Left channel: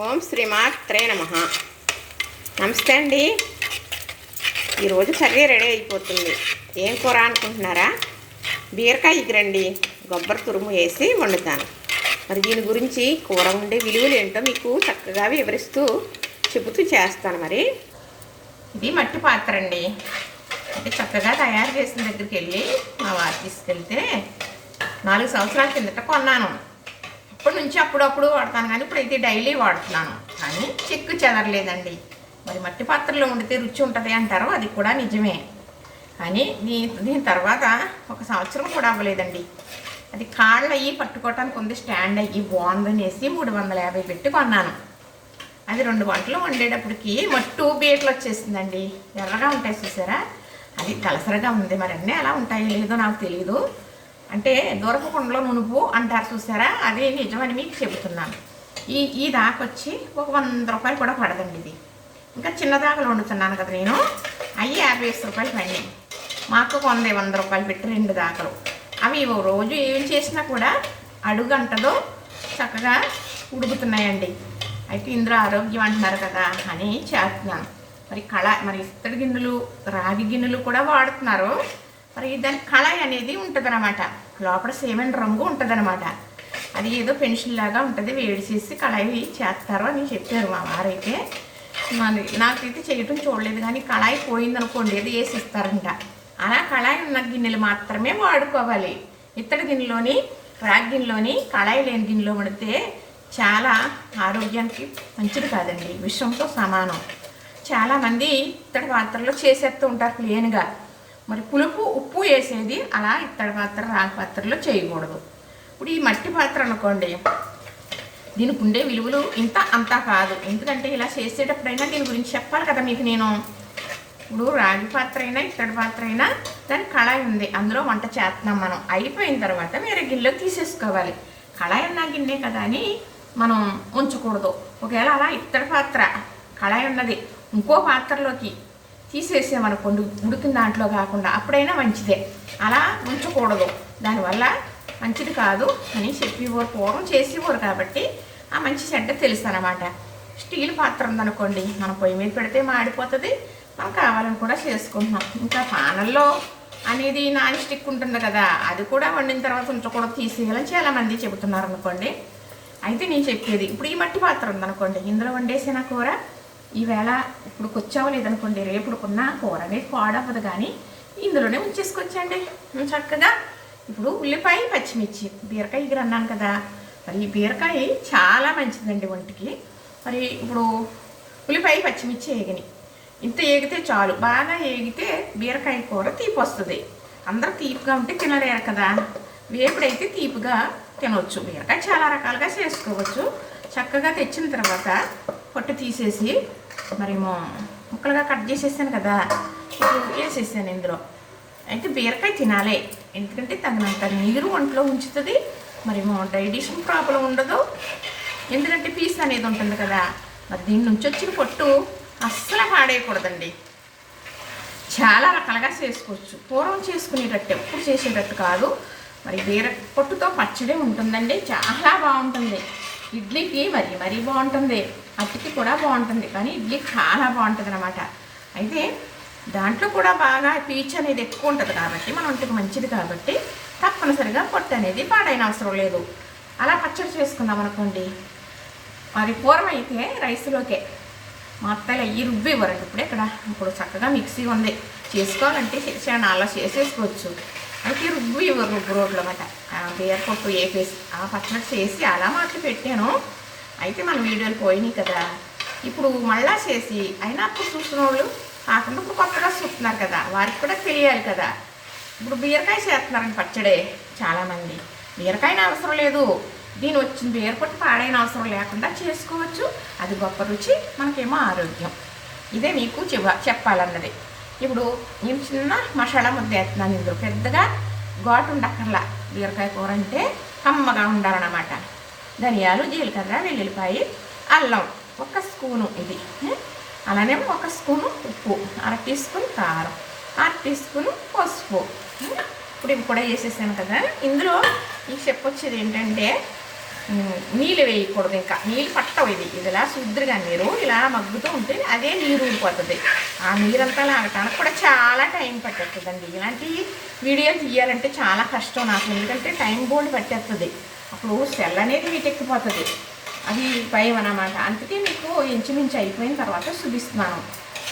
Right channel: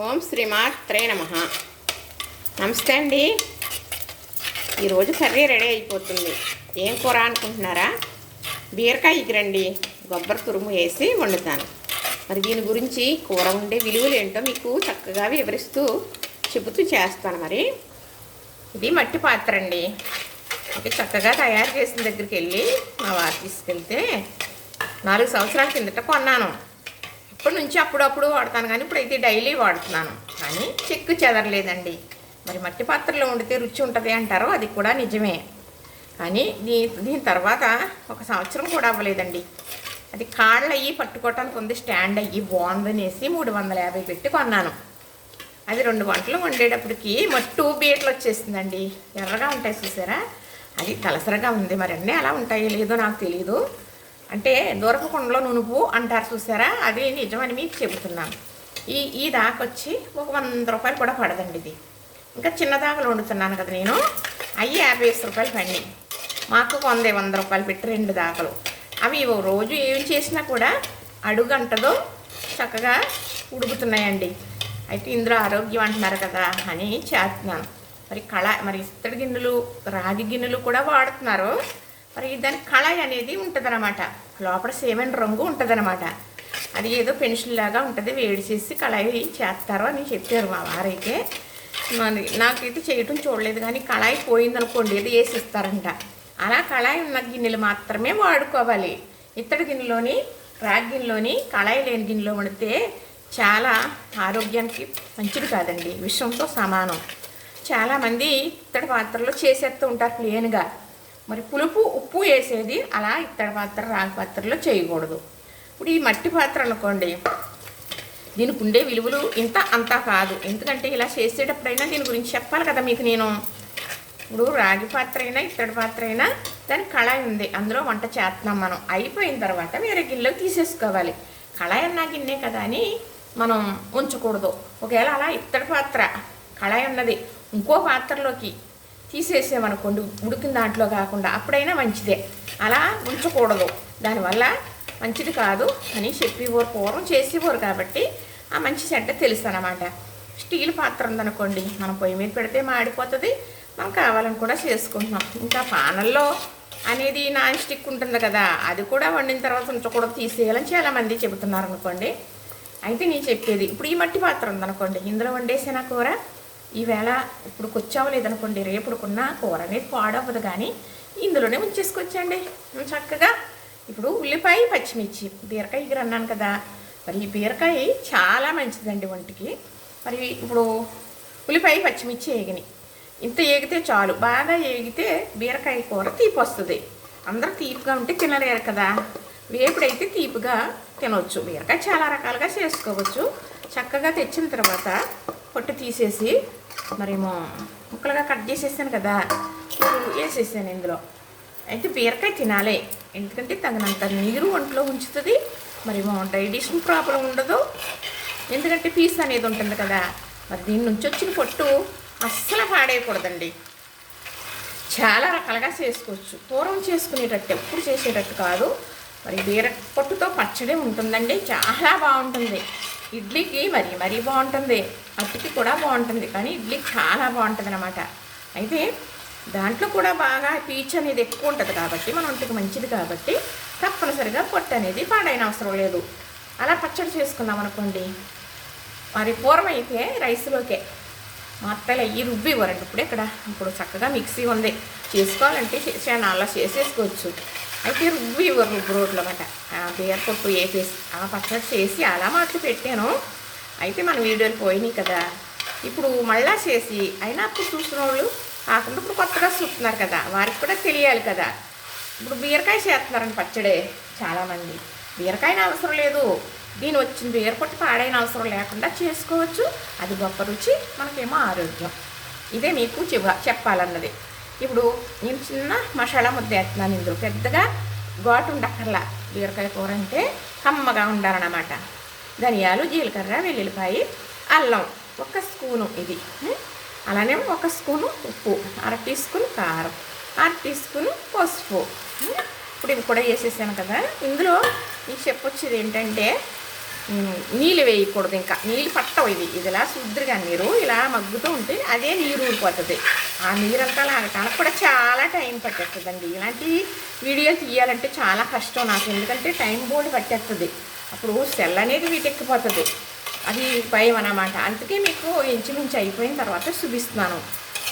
ఓం శ్రీమాత్రే నమః. నమస్తే అండి. ఈరోజు కర్రీ రెడీ అయిపోతుంది. ఏం కూర అనుకుంటున్నారా? బీరకాయ ఎగురండి, కొబ్బరి తురుము వేసి వండుతాను. మరి దీని గురించి కూర ఉండే విలువలు ఏంటో మీకు చక్కగా వివరిస్తూ చెబుతూ చేస్తాను. మరి ఇది మట్టి పాత్ర అండి. అంటే చక్కగా తయారు చేసిన దగ్గరికి వెళ్ళి మా వారు తీసుకెళ్తే 4 సంవత్సరాల కిందట కొన్నాను. ఇప్పటి నుంచి అప్పుడప్పుడు వాడతాను, కానీ ఇప్పుడైతే డైలీ వాడుతున్నాను. కానీ చెక్కు చెదరలేదండి. మరి మట్టి పాత్రలో వండితే రుచి ఉంటుంది అంటారు, అది కూడా నిజమే. కానీ దీని తర్వాత 1 సంవత్సరం కూడా అవ్వలేదండి. అది కాళ్ళు అయ్యి పట్టుకోవటానికి ఉంది, స్టాండ్ అయ్యి బాగుందనేసి 350 పెట్టి కొన్నాను. అది 2 గంటలు వండేటప్పటికి మట్టు బీటలు వచ్చేసిందండి. ఎర్రగా ఉంటాయి చూసారా, అది తలసరగా ఉంది. మరి అన్నీ అలా ఉంటాయో లేదో నాకు తెలియదు. అంటే దూరపు కుండలో నునుపు అంటారు చూసారా, అది నిజమని మీకు చెబుతున్నాను. ఈ దాకొచ్చి ఒక 100 రూపాయలు కూడా పడదండి. ఇది ఇంకా చిన్న దాకలు వండుతున్నాను కదా నేను, అవి 50 రూపాయలు పండి. మాకు 100 రూపాయలు పెట్టి 2 దాకలు. అవి రోజు ఏం చేసినా కూడా అడుగంటదో చక్కగా ఉడుకుతున్నాయండి. అయితే ఇందులో ఆరోగ్యం అంటున్నారు కదా అని చేస్తున్నాను. మరి ఇత్తడి గిన్నెలు, రాగి గిన్నెలు కూడా వాడుతున్నారు. మరి దాని కళాయి అనేది ఉంటుంది అన్నమాట. లోపల సేమైన రంగు ఉంటుంది అన్నమాట. అది ఏదో పెన్సిల్ లాగా ఉంటుంది, వేడి చేసి కళాయి చేస్తారు అని చెప్పారు మా వారైతే. మరి నాకైతే చేయటం చూడలేదు, కానీ కళాయి పోయిందనుకోండి ఏది వేసి ఇస్తారంట. అలా కళాయి ఉన్న గిన్నెలు మాత్రమే వాడుకోవాలి. ఇత్తడి గిన్నెలోని, రాగి గిన్నెలోని, కళాయి లేని గిన్నెలో పడితే చాలా ఆరోగ్యానికి మంచిది కాదండి, విషంతో సమానం. చాలామంది ఇత్తడి పాత్రలో చేసేస్తూ ఉంటారు ప్లేన్గా. మరి పులుపు, ఉప్పు వేసేది అలా ఇత్తడి పాత్ర, రాగి పాత్రలో చేయకూడదు. ఇప్పుడు ఈ మట్టి పాత్ర అనుకోండి, దీనికి ఉండే విలువలు ఇంత అంతా కాదు. ఎందుకంటే ఇలా చేసేటప్పుడైనా దీని గురించి చెప్పాలి కదా మీకు నేను. ఇప్పుడు రాగి పాత్ర అయినా ఇత్తడి పాత్ర అయినా దాని కళాయి ఉంది, అందులో వంట చేస్తున్నాం మనం. అయిపోయిన తర్వాత వేరే గిన్నెలోకి తీసేసుకోవాలి. కళాయి అన్నా గిన్నె కదా అని మనం ఉంచకూడదు. ఒకవేళ అలా ఇత్తడి పాత్ర కళాయి ఉన్నది ఇంకో పాత్రలోకి తీసేసామనుకోండి, ఉడికిన దాంట్లో కాకుండా, అప్పుడైనా మంచిదే. అలా ఉంచకూడదు, దానివల్ల మంచిది కాదు అని చెప్పేవారు, పూర్వం చేసేవారు. కాబట్టి ఆ మంచి చెడ్డ తెలుసు అన్నమాట. స్టీల్ పాత్ర ఉందనుకోండి, మనం పొయ్యి మీద పెడితే మాడిపోతుంది, మనం కావాలని కూడా చేసుకుంటున్నాం. ఇంకా పానల్లో అనేది నాన్ స్టిక్ ఉంటుంది కదా, అది కూడా వండిన తర్వాత ఉంచకూడదు, తీసేయాలని చాలామంది చెబుతున్నారు అనుకోండి. అయితే నేను చెప్పేది, ఇప్పుడు ఈ మట్టి పాత్ర ఉందనుకోండి, ఇందులో వండేసిన కూర ఈవేళ ఇప్పుడు కొచ్చావు లేదనుకోండి, రేపుడుకున్న కూర అనేది పాడవ్వదు, కానీ ఇందులోనే ఉంచేసుకొచ్చండి చక్కగా. ఇప్పుడు ఉల్లిపాయ, పచ్చిమిర్చి, బీరకాయ ఎగురు అన్నాను కదా, మరి ఈ బీరకాయ చాలా మంచిదండి ఒంటికి. మరి ఇప్పుడు ఉల్లిపాయ, పచ్చిమిర్చి ఏగినాయి, ఇంత ఏగితే చాలు. బాగా ఏగితే బీరకాయ కూర తీపి వస్తుంది. అందరూ తీపిగా ఉంటే తినలేరు కదా, వేపుడైతే తీపిగా తినవచ్చు. బీరకాయ చాలా రకాలుగా చేసుకోవచ్చు. చక్కగా తెచ్చిన తర్వాత పొట్టు తీసేసి మరేమో ముక్కలుగా కట్ చేసేసాను కదా, ఇప్పుడు వేసేసాను ఇందులో. అయితే బీరకాయ తినాలి, ఎందుకంటే తగినంత నీరు ఒంట్లో ఉంచుతుంది. మరేమో డైజెషన్ ప్రాబ్లం ఉండదు, ఎందుకంటే పీస్ అనేది ఉంటుంది కదా. మరి దీని నుంచి వచ్చిన పొట్టు అస్సలు పాడేయకూడదండి. చాలా రకాలుగా చేసుకోవచ్చు. పూర్వం చేసుకునేటట్టు, ఎప్పుడు చేసేటట్టు కాదు. మరి పొట్టుతో పచ్చడి ఉంటుందండి, చాలా బాగుంటుంది. ఇడ్లీకి మరీ బాగుంటుంది, అట్టుకి కూడా బాగుంటుంది, కానీ ఇడ్లీకి చాలా బాగుంటుంది అన్నమాట. అయితే దాంట్లో కూడా బాగా పీచు అనేది ఎక్కువ ఉంటుంది కాబట్టి మన ఒంటికి మంచిది కాబట్టి తప్పనిసరిగా పొట్టు అనేది పాడైన అవసరం లేదు. అలా పచ్చడి చేసుకున్నాం అనుకోండి. మరి పూర్వం అయితే రైస్లోకే మా అత్తలు అయ్యి రుబ్బి ఇవ్వరండి. ఇప్పుడు చక్కగా మిక్సీ ఉంది, చేసుకోవాలంటే అలా చేసేసుకోవచ్చు. అయితే రుబ్బి ఇవ్వరు, రుబ్బు రోడ్లు అన్నమాట. బీర పొట్టు వేసేసి ఆ పచ్చడి చేసి అలా మాటలు పెట్టాను. అయితే మన వీడియోలు పోయినాయి కదా, ఇప్పుడు మళ్ళా చేసి అయినా అప్పుడు చూసిన వాళ్ళు కాకుండా ఇప్పుడు కొత్తగా చూస్తున్నారు కదా, వారికి కూడా తెలియాలి కదా. ఇప్పుడు బీరకాయ చేస్తున్నారని పచ్చడే చాలామంది. బీరకాయన అవసరం లేదు, దీని వచ్చిన బీర పొట్టు పాడైన అవసరం లేకుండా చేసుకోవచ్చు. అది గొప్ప రుచి, మనకేమో ఆరోగ్యం. ఇదే మీకు చెప్పాలన్నది. ఇప్పుడు నేను చిన్న మసాలా ముద్ద వేస్తున్నాను. ఇందులో పెద్దగా ఘాటు ఉండక్కర్లా. బీరకాయ కూర అంటే కమ్మగా ఉండాలన్నమాట. ధనియాలు, జీలకర్ర, వెల్లుల్లిపాయ, అల్లం 1 స్పూను, ఇది అలానే 1 స్పూను ఉప్పు, 1/2 టీ స్పూన్ కారం, 1/2 టీ స్పూన్ పసుపు. ఇప్పుడు ఇవి కూడా వేసేసాను కదా. ఇందులో ఈ చెప్పొచ్చేది ఏంటంటే నీళ్ళు వేయకూడదు, ఇంకా నీళ్ళు పట్టవు. ఇది ఇలా శుద్ధిగా నీరు ఇలా మగ్గుతూ ఉంటే అదే నీరు ఊరిపోతుంది. ఆ నీరంతా లాగటానికి కూడా చాలా టైం పట్టేస్తుందండి. ఇలాంటి వీడియో తీయాలంటే చాలా కష్టం నాకు, ఎందుకంటే టైం బోర్డు పట్టేస్తుంది. అప్పుడు సెల్ అనేది వీటెక్కిపోతుంది, అది భయం అన్నమాట. అందుకే మీకు ఇంచుమించు అయిపోయిన తర్వాత చూపిస్తున్నాను.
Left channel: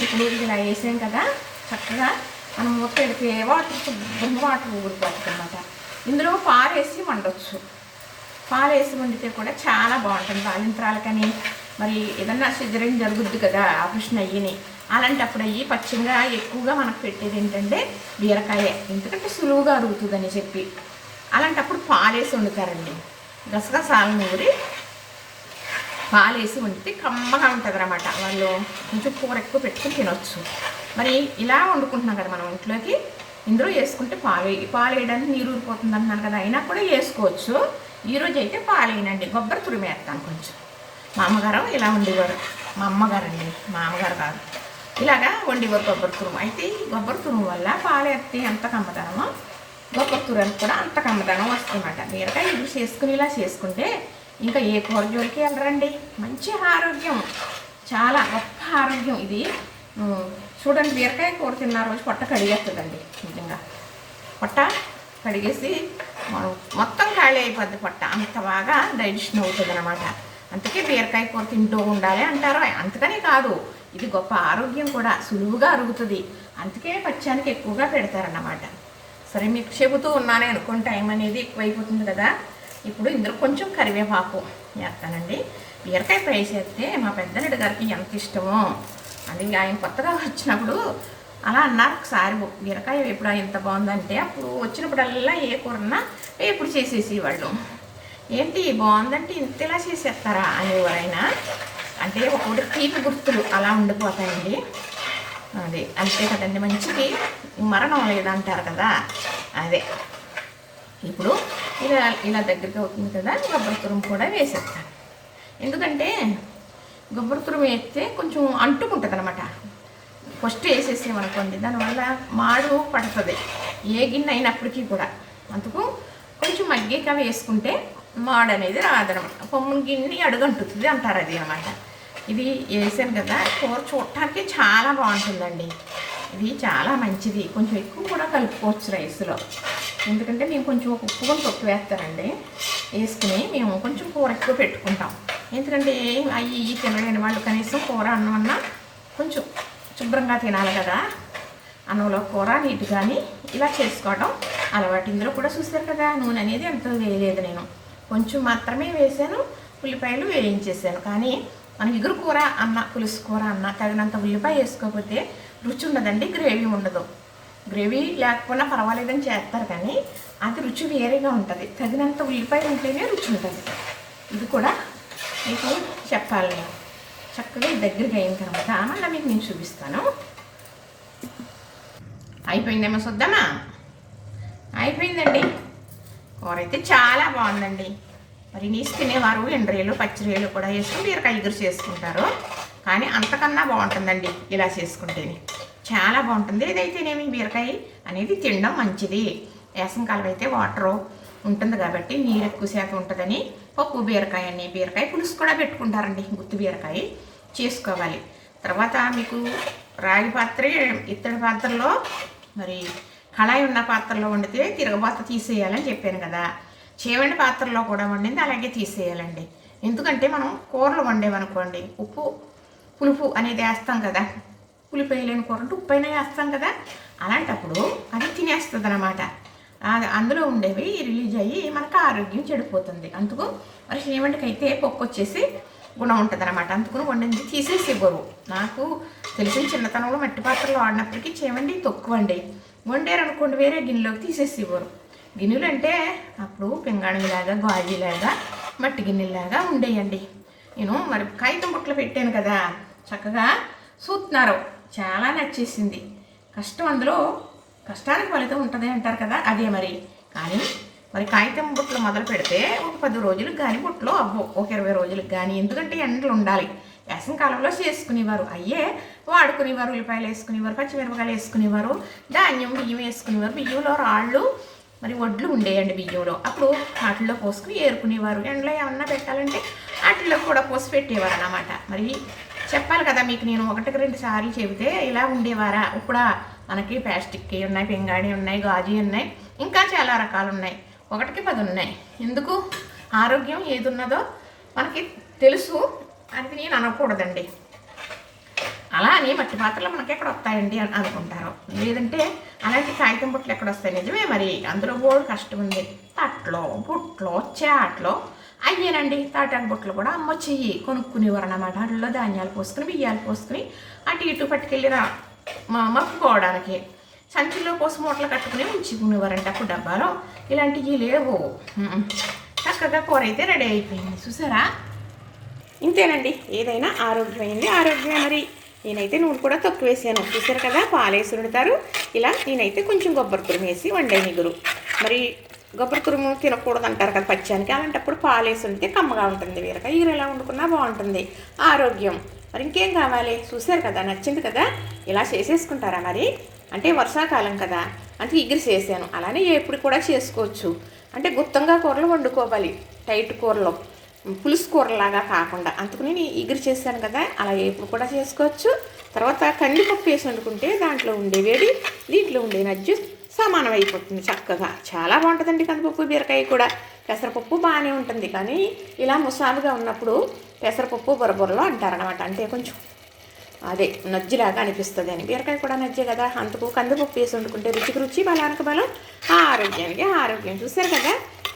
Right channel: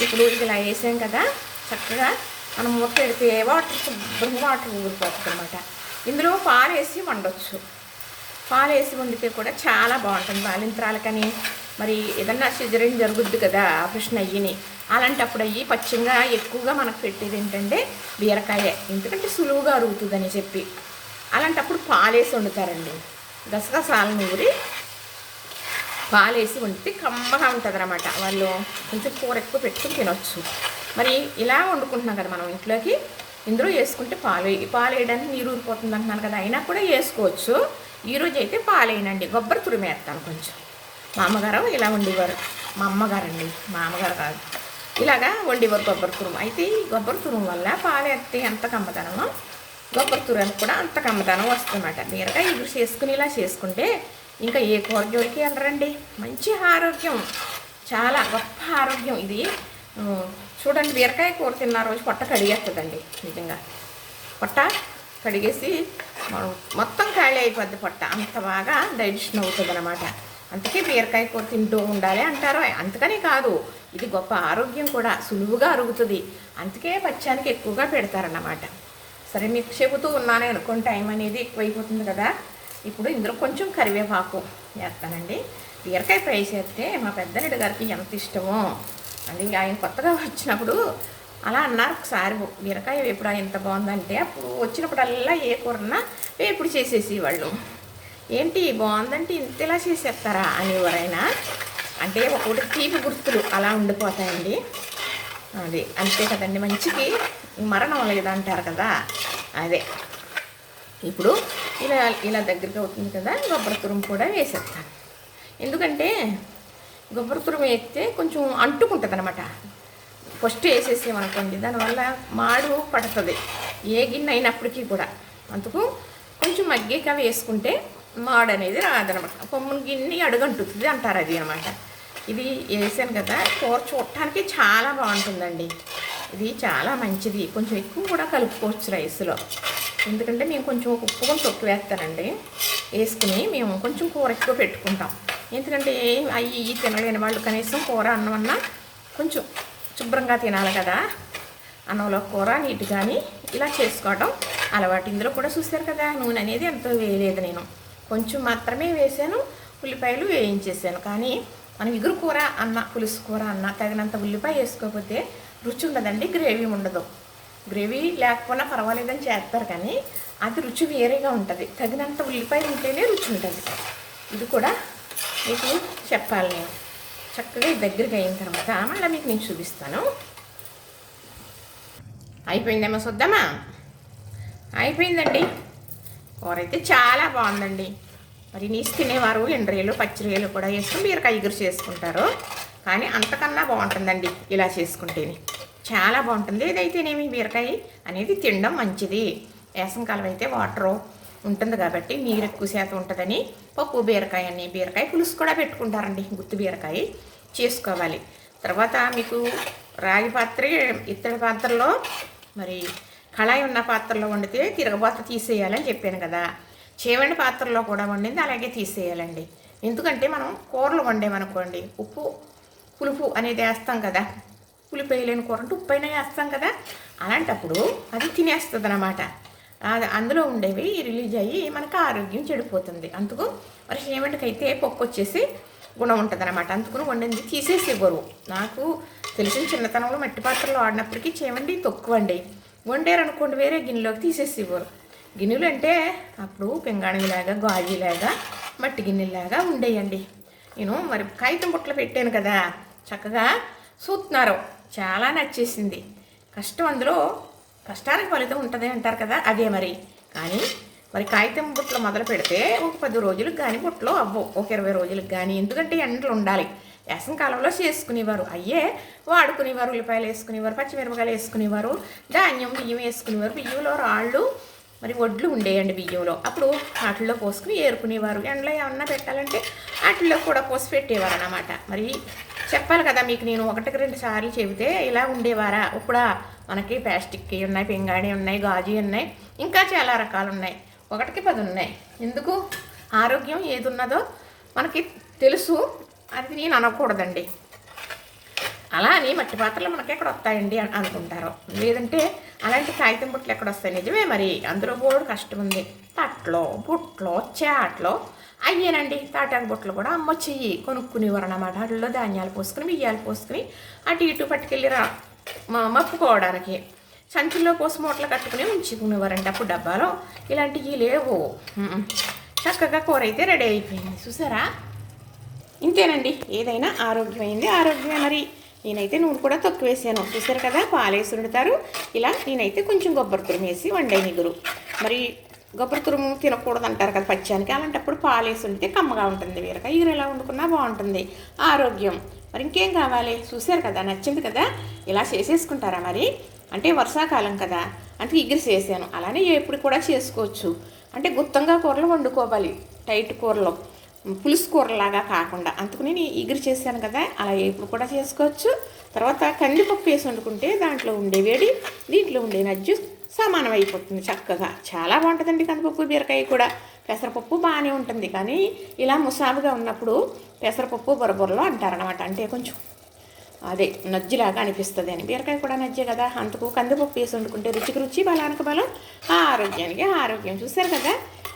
ఇప్పుడు ఇలా వేసాం కదా, చక్కగా మనం మూత పెడితే వాటర్ శుభ్రంగా వాటర్ ఊరిపోతుంది అన్నమాట. ఇందులో పాలు వేసి వండొచ్చు. పాలు వేసి వండితే కూడా చాలా బాగుంటుంది. బాలింత్రాలకని మరి ఏదన్నా సిజరీన్ జరుగుద్ది కదా, ఆపరేషన్ అయ్యిని, అలాంటప్పుడు అయ్యి పచ్చిగా ఎక్కువగా మనకు పెట్టేది ఏంటంటే బీరకాయ, ఎందుకంటే సులువుగా అరుగుతుందని చెప్పి అలాంటప్పుడు పాలేసి వండుతారండి. గసగసాలు నూరి పాలేసి వండితే కమ్మగా ఉంటుంది అన్నమాట. వాళ్ళు కొంచెం కూర ఎక్కువ పెట్టుకుని తినొచ్చు. మరి ఇలా వండుకుంటున్నాం కదా మనం ఇంట్లోకి, ఇందులో వేసుకుంటే పాలు వేయడానికి నీరు ఊరిపోతుంది అంటున్నాను కదా, అయినా కూడా వేసుకోవచ్చు. ఈరోజు అయితే పాలు వేయనండి, కొబ్బరి తురిమి వేస్తాను కొంచెం. మా అమ్మగారు ఇలా వండేవారు, మా అమ్మగారు అండి, మా అమ్మగారు కాదు, ఇలాగా వండేవారు కొబ్బరి తురుము. అయితే ఈ కొబ్బరి తురుము వల్ల పాలు వేస్తే ఎంత కమ్మదనమో కొబ్బరి తురుము కూడా అంత కమ్మదనం వస్తుందన్నమాట. బీరకాయ ఇప్పుడు చేసుకుని ఇలా చేసుకుంటే ఇంకా ఏ కూర జోలికి వెళ్ళరండి. మంచి ఆరోగ్యం, చాలా గొప్ప ఆరోగ్యం ఇది. చూడండి, బీరకాయ కూర తిన్న రోజు పొట్ట కడిగేస్తుందండి. నిజంగా పొట్ట కడిగేసి మొత్తం ఖాళీ అయిపోద్ది పొట్ట, అంత బాగా డైజెషన్ అవుతుంది అనమాట. అందుకే బీరకాయ కూర తింటూ ఉండాలి అంటారు. అంతకనే కాదు, ఇది గొప్ప ఆరోగ్యం కూడా, సులువుగా అరుగుతుంది. అందుకే పచ్చానికి ఎక్కువగా పెడతారన్నమాట. సరే, మీకు చెబుతూ ఉన్నానే అనుకోండి, టైం అనేది ఎక్కువైపోతుంది కదా. ఇప్పుడు ఇందులో కొంచెం కరివేపాకు వేస్తానండి. బీరకాయ ఫ్రై చేస్తే మా పెద్దనడు గారికి ఎంత ఇష్టమో అండి. ఆయన కొత్తగా వచ్చినప్పుడు అలా అన్నారు ఒకసారి, బీరకాయ వేపుడు ఎంత బాగుందంటే, అప్పుడు వచ్చినప్పుడల్లా ఏ కూరన్నా వేపుడు చేసేసి వాళ్ళు, ఏంటి బాగుందంటే ఇంతలా చేసేస్తారా అనేవారైనా. అంటే ఒకటి తీపి గుర్తులు అలా ఉండిపోతాయండి. అది అంతే కదండి, మంచికి మరణం లేదంటారు కదా, అదే. ఇప్పుడు ఇలా దగ్గరికి అవుతుంది కదా, కొబ్బరి తురుము కూడా వేసేస్తాను. ఎందుకంటే కొబ్బరి తురుము వేస్తే కొంచెం అంటుకుంటుంది అనమాట. ఫస్ట్ వేసేసామనుకోండి, దానివల్ల మాడు పడుతుంది ఏ గిన్నె అయినప్పటికీ కూడా. అందుకు కొంచెం మగ్గిక వేసుకుంటే మాడు అనేది రాదనమాట. పొమ్ముని గిన్నె అడుగంటుతుంది అంటారు, అది అనమాట. ఇది వేసాను కదా, కూర చూడటానికి చాలా బాగుంటుందండి. ఇది చాలా మంచిది. కొంచెం ఎక్కువ కూడా కలుపుకోవచ్చు రైస్లో, ఎందుకంటే నేను కొంచెం ఉప్పు కూడా తొక్కు వేస్తానండి. వేసుకుని మేము కొంచెం కూర ఎక్కువ పెట్టుకుంటాం, ఎందుకంటే అవి తినలేని వాళ్ళు కనీసం కూర అన్నం అన్నా కొంచెం శుభ్రంగా తినాలి కదా. అన్నంలో కూర నీటి కానీ ఇలా చేసుకోవడం అలవాటు. ఇందులో కూడా చూశారు కదా, నూనె అనేది ఎంతో వేయలేదు, నేను కొంచెం మాత్రమే వేసాను. ఉల్లిపాయలు వేయించేసాను. కానీ మనం ఇగురు కూర అన్న, పులుసు కూర అన్న తగినంత ఉల్లిపాయ వేసుకోకపోతే రుచి ఉండదండి, గ్రేవీ ఉండదు. గ్రేవీ లేకపోయినా పర్వాలేదని చేస్తారు, కానీ అది రుచి వేరేగా ఉంటుంది. తగినంత ఉల్లిపాయలు ఉంటేనే రుచి ఉంటుంది. ఇది కూడా మీకు చెప్పాలి నేను. చక్కగా దగ్గరికి అయిన తర్వాత మళ్ళీ మీకు నేను చూపిస్తాను. అయిపోయిందేమో చూద్దామా? అయిపోయిందండి. కూర అయితే చాలా బాగుందండి. మరి నీసు తినేవారు ఎండ్రేలు పచ్చిరేలు కూడా వేసుకుని బీరకాయ ఇగురు చేసుకుంటారు, కానీ అంతకన్నా బాగుంటుందండి ఇలా చేసుకుంటేనే, చాలా బాగుంటుంది. ఏదైతేనేమి బీరకాయ అనేది తినడం మంచిది. వేసవికాలం అయితే వాటరు ఉంటుంది కాబట్టి నీరు ఎక్కువ శాతం ఉంటుందని పప్పు బీరకాయ అని, బీరకాయ పులుసు కూడా పెట్టుకుంటారండి. గుత్తి బీరకాయ చేసుకోవాలి. తర్వాత మీకు రాగి పాత్ర, ఇత్తడి పాత్రలో మరి కళాయి ఉన్న పాత్రలో వండితే తిరగబాత తీసేయాలని చెప్పాను కదా. చేవండి పాత్రలో కూడా వండింది అలాగే తీసేయాలండి. ఎందుకంటే మనం కూరలు వండేమనుకోండి, ఉప్పు పులుపు అనేది వేస్తాం కదా, పులుపు వేయలేని కూర అంటే ఉప్పు అయినా వేస్తాం కదా, అలాంటప్పుడు అది తినేస్తుంది అనమాట. అందులో ఉండేవి రిలీజ్ అయ్యి మనకు ఆరోగ్యం చెడిపోతుంది. అందుకు మరి చేవండికి అయితే పప్పు వచ్చేసి గుణం ఉంటుంది అనమాట. అందుకుని వండింది తీసేసి ఇవ్వరు. నాకు తెలిసిన చిన్నతనంలో మట్టి పాత్రలో వాడినప్పటికీ చేవండి తక్కువండి. వండారు అనుకోండి వేరే గిన్నెలోకి తీసేసి ఇవ్వరు. గిన్నెలు అంటే అప్పుడు పింగాణిలాగా, గాజులాగా, మట్టి గిన్నెలాగా ఉండేయండి. నేను మరి కాగితం బుట్టలు పెట్టాను కదా, చక్కగా చూస్తున్నారు, చాలా నచ్చేసింది. కష్టం అందులో కష్టానికి ఫలితం ఉంటుంది అంటారు కదా, అదే మరి. కానీ మరి కాగితం బుట్టలు మొదలు పెడితే ఒక 10 రోజులకు కానీ బుట్టలు అవ్వవు, ఒక 20 రోజులకు కానీ. ఎందుకంటే ఎండలు ఉండాలి. వేసవికాలంలో చేసుకునేవారు, అయ్యే వాడుకునేవారు. ఉల్లిపాయలు వేసుకునేవారు, పచ్చిమిరపకాయలు వేసుకునేవారు, ధాన్యం బియ్యం వేసుకునేవారు. బియ్యంలో రాళ్ళు మరి వడ్లు ఉండేయండి బియ్యంలో. అప్పుడు వాటిల్లో పోసుకుని ఏరుకునేవారు. ఎండలో ఏమన్నా పెట్టాలంటే వాటిల్లో కూడా పోసి పెట్టేవారు అన్నమాట. మరి చెప్పాలి కదా మీకు, నేను 1-2 సార్లు చెబితే ఇలా ఉండేవారా? ఇప్పుడు మనకి ప్లాస్టిక్కి ఉన్నాయి, పింగాణి ఉన్నాయి, గాజు ఉన్నాయి, ఇంకా చాలా రకాలు ఉన్నాయి. 1కి 10 ఉన్నాయి. ఎందుకు? ఆరోగ్యం ఏది ఉన్నదో మనకి తెలుసు, అది నేను అనకూడదండి. అలా అని మట్టి పాత్రలు మనకి ఎక్కడ వస్తాయండి అని అనుకుంటారు. లేదంటే అలాంటి కాగితం బుట్టలు ఎక్కడ వస్తాయి? నిజమే, మరి అందులో బోర్డు కష్టం ఉంది. తట్లో, బుట్టలో, చాట్లో అయ్యేనండి. తాటాకు బుట్టలు కూడా అమ్మ చెయ్యి కొనుక్కునేవారు అన్నమాట. వాటిలో ధాన్యాలు పోసుకుని, బియ్యాలు పోసుకుని అటు ఇటు పట్టుకెళ్ళి మప్పుకోవడానికి సంచుల్లో పోసి మూటలు కట్టుకుని ఉంచుకునేవారంటే అప్పుడు డబ్బాలో. ఇలాంటివి లేవు. చక్కగా కూర అయితే రెడీ అయిపోయింది. చూసారా? ఇంతేనండి, ఏదైనా ఆరోగ్యమైంది ఆరోగ్యమే. మరి నేనైతే నూనె కూడా తక్కువ వేసాను. చూసారు కదా, పాలేసి వండుతారు. ఇలా నేనైతే కొంచెం కొబ్బరి తురుము వేసి వండే నిగురు. మరి కొబ్బరి తురుము తినకూడదు అంటారు కదా పచ్చానికి, అలాంటప్పుడు పాలేసి వండితే కమ్మగా ఉంటుంది. బీరకాయ ఈగరు ఎలా వండుకున్నా బాగుంటుంది, ఆరోగ్యం. మరి ఇంకేం కావాలి? చూసారు కదా, నచ్చింది కదా. ఇలా చేసేసుకుంటారా మరి? అంటే వర్షాకాలం కదా, అంటే ఇగురు చేశాను. అలానే ఎప్పుడు కూడా చేసుకోవచ్చు. అంటే గుత్తంగా కూరలు వండుకోవాలి, టైట్ కూరలో, పులుసు కూరలాగా కాకుండా. అందుకని నేను ఇగురు చేశాను కదా, అలా ఎప్పుడు కూడా చేసుకోవచ్చు. తర్వాత కందిపప్పు వేసి వండుకుంటే దాంట్లో ఉండే వేడి, దీంట్లో ఉండే నజ్జు సమానం అయిపోతుంది చక్కగా. చాలా బాగుంటుందండి కందిపప్పు, బీరకాయ కూడా. పెసరపప్పు బాగానే ఉంటుంది, కానీ ఇలా ముసాబుగా ఉన్నప్పుడు పెసరపప్పు బొరబొరలో అంటారనమాట. అంటే కొంచెం అదే నజ్జిలాగా అనిపిస్తుంది అని. బీరకాయ కూడా నజ్జే కదా, అందుకు కందిపప్పు వేసి వండుకుంటే రుచికి రుచి, బలానికి బలం, ఆరోగ్యానికి ఆరోగ్యం. చూసారు కదా,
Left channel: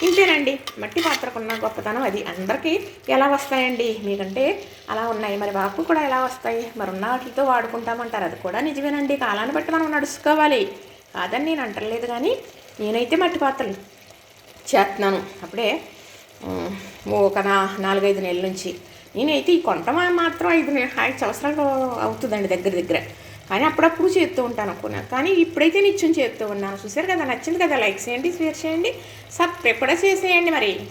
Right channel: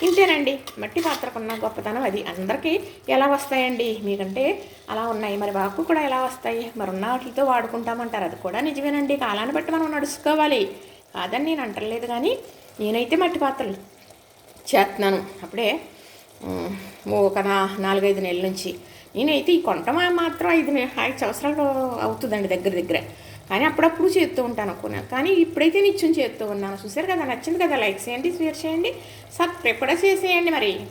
ఇంతేనండి మట్టి పాత్రకున్న గొప్పతనం అది. అందరికీ ఎలా వస్తాయండి? మీకంటే అలా ఉన్నాయి, మరి మాకు కూడా ఎలా వస్తాయి? మరి ఉన్న వాటితో వాడుకుంటామంటారు. అది కూడా నిజమేనండి, కాలాన్ని బట్టి మనం నడుచుకోవాలి, కాదని నేను అంటలేదు. కానీ నేనైతే మట్టి పాత్రలు చేస్తున్నాను. అప్పుడే ఒక 4-5 నెలల నుంచి. నేనైతే ఈ కొంట మాత్రం 5 సంవత్సరాలు అవుతుందండి దగ్గర. కానీ అప్పుడప్పుడు చేస్తూ ఉంటాను అనుకున్నాను, కానీ ఇప్పుడైతే నిత్యం చేస్తూ ఉన్నాను. చూసారు కదా, నచ్చింది కదా, లైక్ చేయండి, షేర్ చేయండి, సబ్స్క్రైబ్ కూడా చేసేయండి మరి.